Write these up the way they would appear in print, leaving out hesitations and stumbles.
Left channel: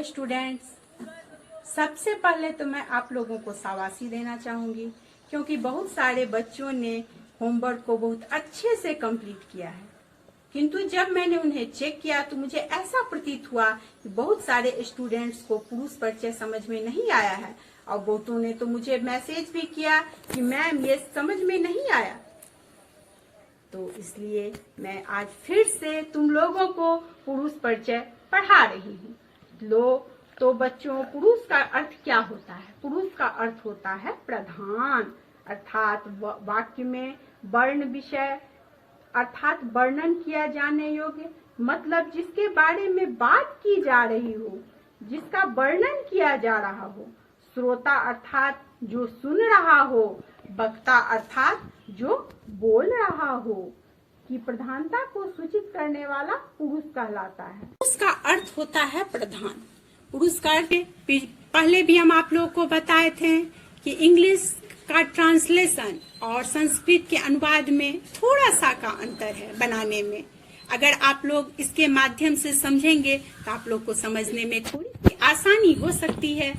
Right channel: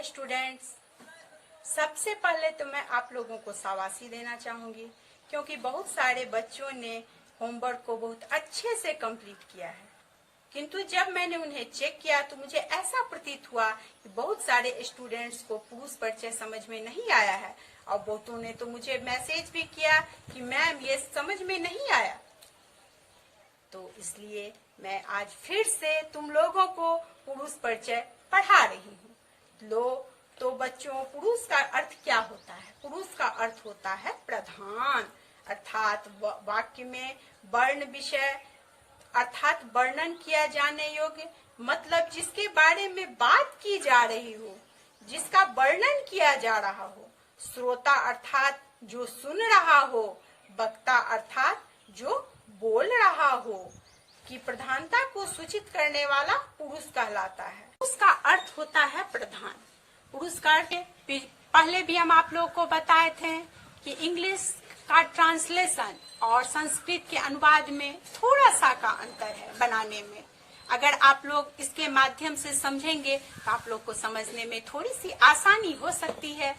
Hello students, सबसे पहले तो मैं आप लोगों को शाबाशी देना चाहूंगी क्योंकि बहुत सारे बच्चों ने होमवर्क को बहुत अच्छे से कंप्लीट किया है। किंतु जब मैंने उन्हें चेक किया तो मुझे ऐसा प्रतीत हुआ कि बहुत सारे स्टूडेंट्स को पुरुष परिचय समझ में नहीं आया है और बहुतों ने तो मुझे मैसेज भी किया कि मैम ये समझ में नहीं आया। तो इसलिए मैं आज फिर से तुम लोगों को पुरुष परिचय पढ़ा रही हूँ। लो तो बच्चों, पुरुष का अर्थ क्या होता है? पुरुष का अर्थ होता है प्रधान, अर्थात वाक्य में वर्ण विषय अर्थात वर्णन किया जाने योग्य, मतलब जिसके बारे में बात की जा रही हो, जिसका वर्णन किया जा रहा हो। श्रोता अर्थात जो सुन रहा हो, वक्ता अर्थात जो बोल रहा हो की प्रधानता को सूचित करने वाला पुरुष कहलाता है। पुरुष का अर्थ होता है प्रधान। पुरुष का अर्थ पहले भी हम आप लोगों को बताए थे कि इंग्लिश का ट्रांसलेशन और संस्कृत के अनुवाद में थोड़ा सा का अंतर है बनाने में। अगर आप लोग इसके माध्यम से समझेंगे तो आप लोग को समझने में थोड़ी सी आसानी हो सकती है।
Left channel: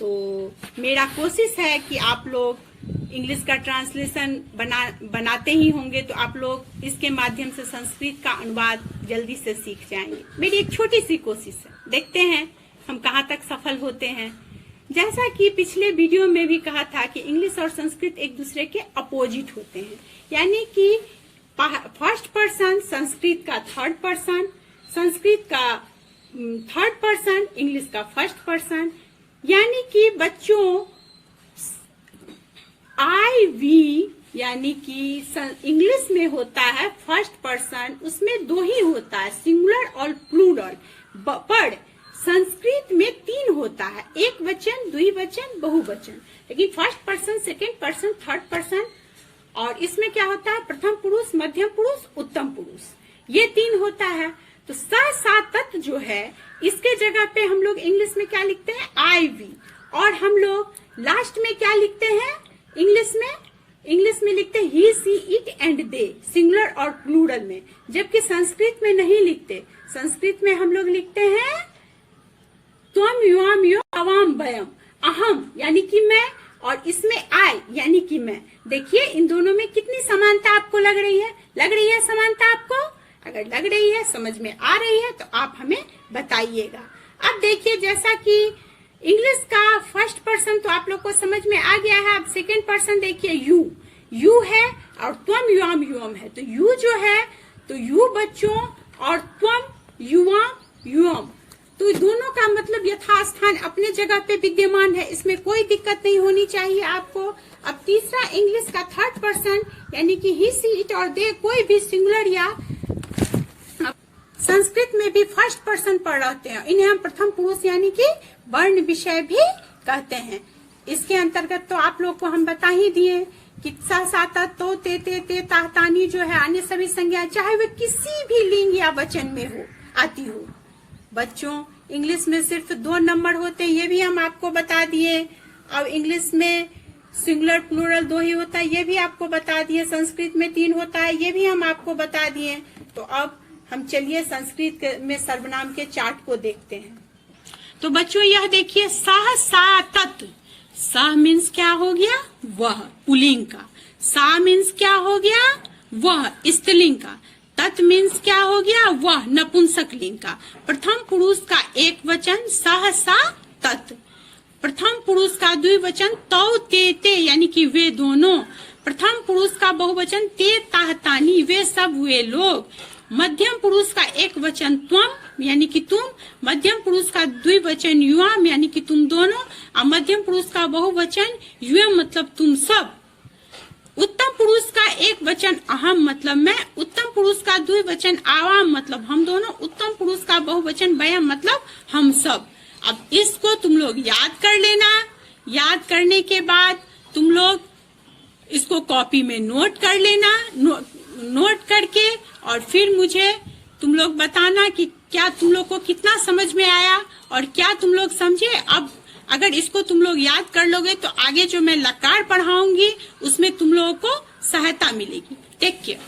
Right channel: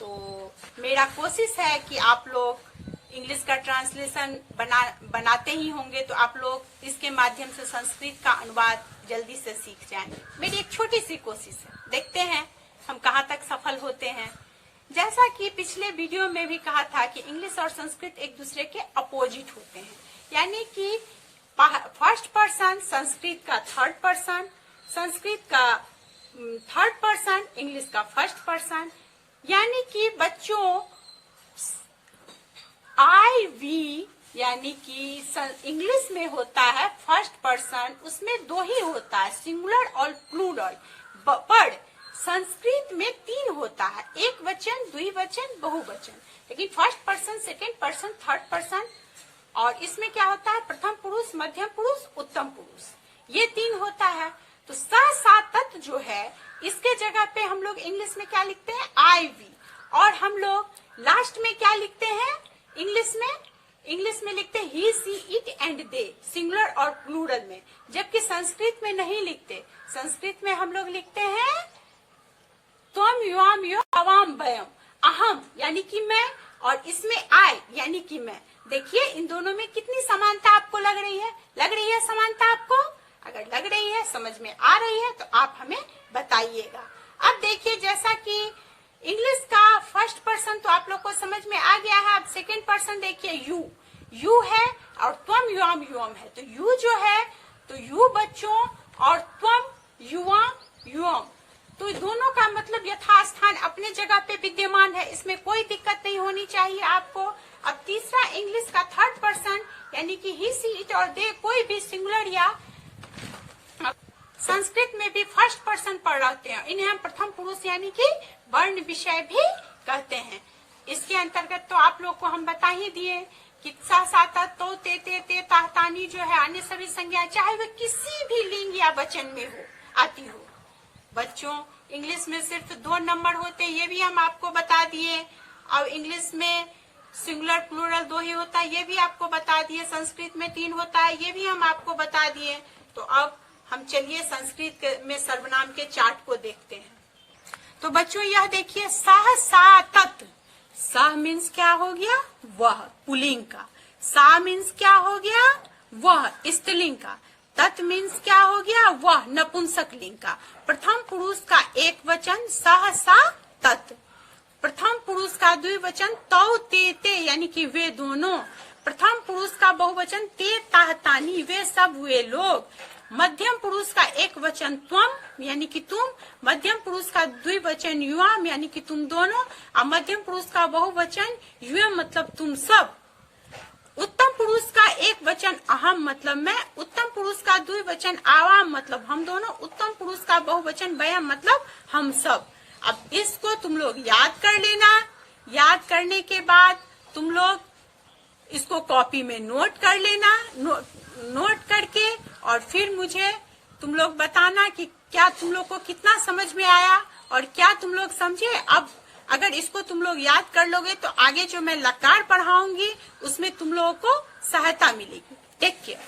तो मेरा कोशिश है कि आप लोग इंग्लिश का ट्रांसलेशन बनाते ही होंगे तो आप लोग इसके माध्यम से संस्कृत का अनुवाद जल्दी से सीख जाएंगे। मेरी एक छोटी सी कोशिश है, देखते हैं हम कहाँ तक सफल होते हैं। जैसा कि पिछले वीडियो में भी कहा था कि इंग्लिश और संस्कृत एक दूसरे के अपोजिट होते हैं, यानी कि फर्स्ट पर्सन संस्कृत का थर्ड पर्सन, संस्कृत का थर्ड पर्सन इंग्लिश का फर्स्ट पर्सन। यानी कि बच्चों आई वी यानी कि इंग्लिश में होता है फर्स्ट पर्सन, उसमें दो ही होता है, सिंगुलर और प्लूरल। पर संस्कृत में तीन होता है, एक वचन, द्विवचन, बहुवचन। लेकिन first person, second person, third person, और इसमें क्या होता है, प्रथम पुरुष, मध्यम पुरुष, उत्तम पुरुष, ये तीन होता है। तो सा तत्व जो है इसके जगह पे हम लोग इंग्लिश में क्या लिखते हैं, आई वी, और हम लोग लास्ट में क्या लिखते हैं इंग्लिश में लिखते हैं ही, सी, इट एंड दे, सिंगुलर और प्लूरल में। जबकि संस्कृत में नहीं लिखते, संस्कृत में हम लोग लिखते हैं त्वम, युवाम, यो, अवाम, वयम, अहम यानी कि मैं, और इसमें आई यानी कि मैं। देखिए इन दोनों में कितनी समानता आपको लग रही है? लग रही है समानता आपको? अगर लग रही है, समझ में आ रही है तो आप हमें बताइएगा। अब देखिए, जैसा कि इंग्लिश का फर्स्ट पर्सन तो आप लोग को समझ में आ गया है। अब सेकंड पर्सन देखिए, यू है और त्वम, युवाम, युवम है। तो यू जो है तो यू बच्चों, और त्वम, युवाम, युवम, तो दोनों का मतलब यथास्थान अपने जगह पे विद्यमान है, इसमें कोई दिक्कत नहीं होनी चाहिए आपको। अब तीसरा इंग्लिश का थर्ड पर्सन यानी कि ही, सी, इट और दे, कोई भी सिंगुलर या संस्कृत में भी फर्स्ट पर्सन पर रहते हैं, इन्हें हम प्रथम पुरुष यानी कि वर्ण विषय भी कहते हैं। इसके अंतर्गत तो आप लोग को हम बता ही दिए कि सा, सा, तो, ते, तानी जो है अन्य सभी संज्ञा चाहे वे किसी भी लिंग या वचन में हो आती हो। बच्चों इंग्लिश में सिर्फ 2 नंबर होते हैं, ये भी हम आपको बता दिए। अब इंग्लिश में सिंगुलर प्लूरल 2 ही होता है, ये भी आपको बता दिए। संस्कृत में 3 होता है, ये भी हम आपको बता दिए। तो अब हम चलिए संस्कृत में सर्वनाम के चार्ट को देखते हैं। तो बच्चों यह देखिए, सह, सा, तत्। सह मीन्स क्या हो गया, वह, पुल्लिंग का। सा मीन्स क्या हो गया, वह, स्त्रीलिंग का। तत् मीन्स क्या हो गया, वह, नपुंसकलिंग का। प्रथम पुरुष का एक वचन सह, सा, तत्। प्रथम पुरुष का द्विवचन तौ, ते यानी कि वे दोनों। प्रथम पुरुष का बहुवचन ते, ताह, तानी, वे सब, वे लोग। मध्यम पुरुष का एक वचन त्वम यानी कि तुम। मध्यम पुरुष का द्विवचन युवाम यानी कि तुम दोनों, और मध्यम पुरुष का बहुवचन युवम मतलब तुम सब। उत्तम पुरुष का एक वचन अहम मतलब मैं। उत्तम पुरुष का द्विवचन आवाम मतलब हम दोनों। उत्तम पुरुष का बहुवचन वयम मतलब हम सब। अब इसको तुम लोग याद कर लेना। याद करने के बाद तुम लोग इसको कॉपी में नोट कर लेना। नोट करके और फिर मुझे तुम लोग बताना कि क्या तुम लोग को कितना समझ में आया और क्या तुम लोग समझे। अब अगर इसको तुम लोग याद कर लोगे तो आगे जो मैं लकार पढ़ाऊंगी उसमें तुम लोगों को सहायता मिलेगी। Take care.